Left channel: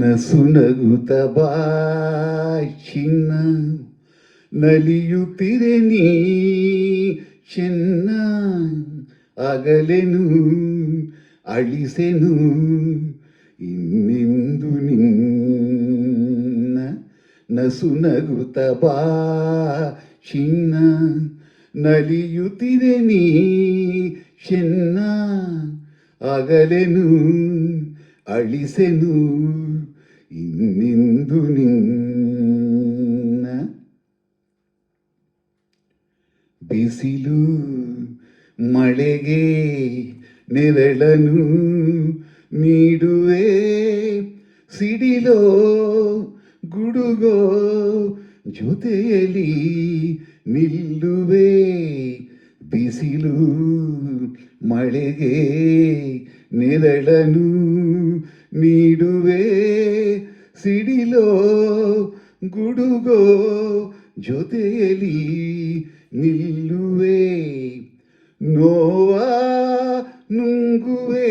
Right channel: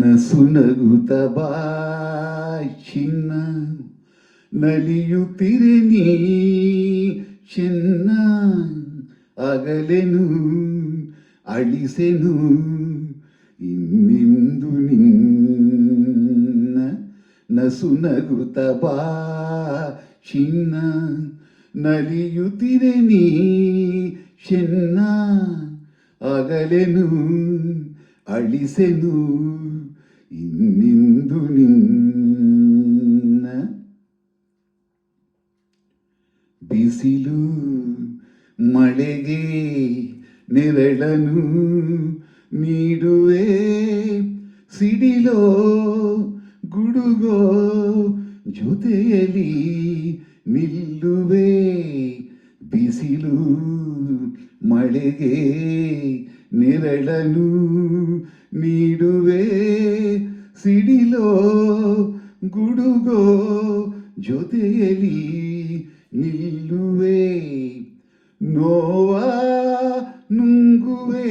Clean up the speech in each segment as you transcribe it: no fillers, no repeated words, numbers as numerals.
ನಸುನಗುತ್ತ ಬಾ ಚಿನ್ನ, ನಲಿಯುತ್ತಿರೆ ನೀ ಚೆನ್ನ, ಅಗಲೆನು ಅಳಿಸೆನು ಇನ್ನೆಂದು ನಿನ್ನ. ನಸುನಗುತ್ತ ಬಾ ಚಿನ್ನ, ನಲಿಯುತ್ತಿರೆ ನೀ ಚೆನ್ನ, ಅಗಲೆನು ಅಳಿಸೆನು ಇನ್ನೆಂದು ನಿನ್ನ. ಬಿಸಿಲು ಮಳೆಗೆ ನೆರಳನು ನೀಡುವೆ, ಸಿಡಿಲೋ ಗುಡುಗೋ ಜೊತೆಯಲ್ಲಿ ನಿಲ್ಲುವೆ. ಬಿಸಿಲು ಮಳೆಗೆ ನೆರಳನು ನೀಡುವೆ, ಸಿಡಿಲೋ ಗುಡುಗೋ ಜೊತೆಯಲ್ಲಿ ನಿಲ್ಲುವೆ. ನೋವ ನುಂಗುವೆ,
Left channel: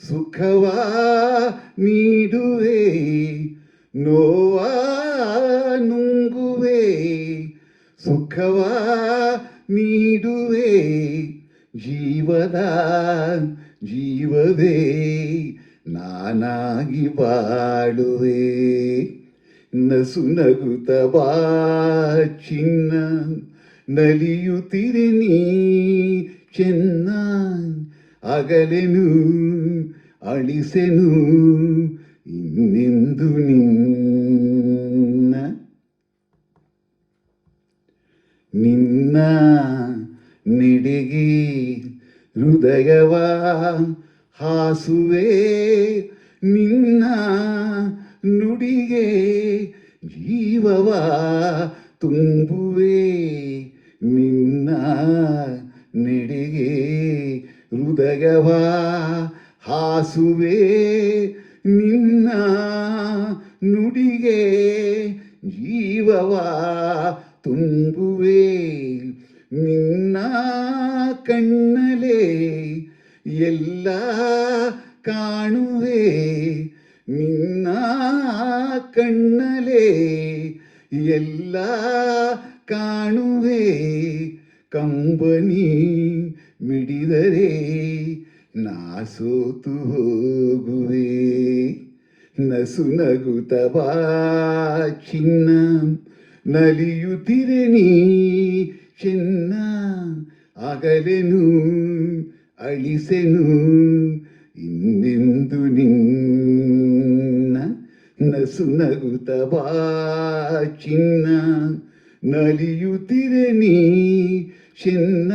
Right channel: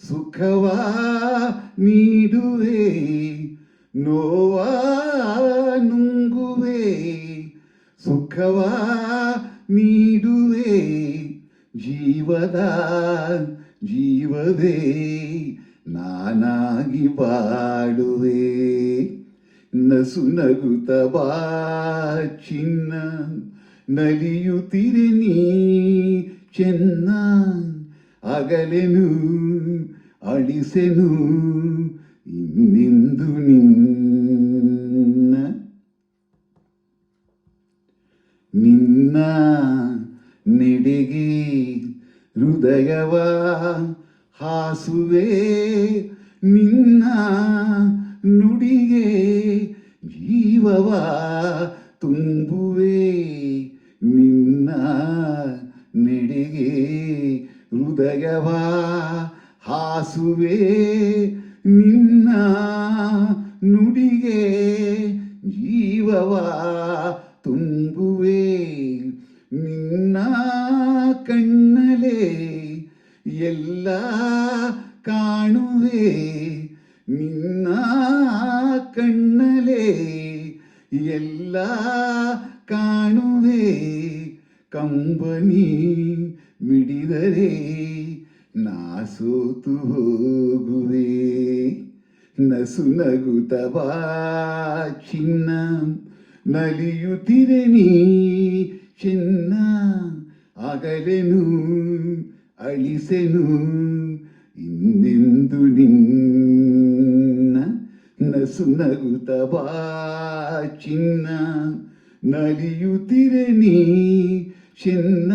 ಸುಖವ ನೀಡುವೆ. ನೋವ ನುಂಗುವೆ, ಸುಖವ ನೀಡುವೆ. ಜೀವದ ಜೀವವೇ ನಾನಾಗಿ ಬಾಳುವೆ. ನಸುನಗುತ್ತ ಬಾ ಚಿನ್ನ, ನಲಿಯುತ್ತಿರೆ ನೀ ಚೆನ್ನ, ಅಗಲೆನು ಅಳಿಸೆನು ಇನ್ನೆಂದು ನಿನ್ನ. ನಿನ್ನ ನೆಡೆಗೆ ಹೃದಯವ ಹಾಸುವೆ, ನಿನ್ನ ನುಡಿಗೆ ಜೀವವ ತುಂಬುವೆ. ನಿನ್ನ ನೆಡೆಗೆ ಹೃದಯವ ಹಾಸುವೆ, ನಿನ್ನ ನುಡಿಗೆ ಜೀವವ ತುಂಬುವೆ. ನಿನ್ನ ಕಣ್ಣಲೆ ಎಲ್ಲ ಕಾಣುವೆ, ನಿನ್ನ ಕಣ್ಣಲೆ ಎಲ್ಲ ಕಾಣುವೆ. ಕಂಬನಿ ಮಿಡಿದರೆ ನಾ ಸೋತು ಹೋಗುವೆ. ನಸುನಗುತ್ತ ಬಾ ಚಿನ್ನ, ನಲಿಯುತ್ತಿರೆ ನೀ ಚೆನ್ನ, ಅಗಲೆನು ಅಳಿಸೆನು ಇನ್ನೆಂದು ನಿನ್ನ. ನಸುನಗುತ್ತ ಬಾ ಚಿನ್ನ, ನಲಿಯುತ್ತಿರೆ ನೀ ಚೆನ್ನ.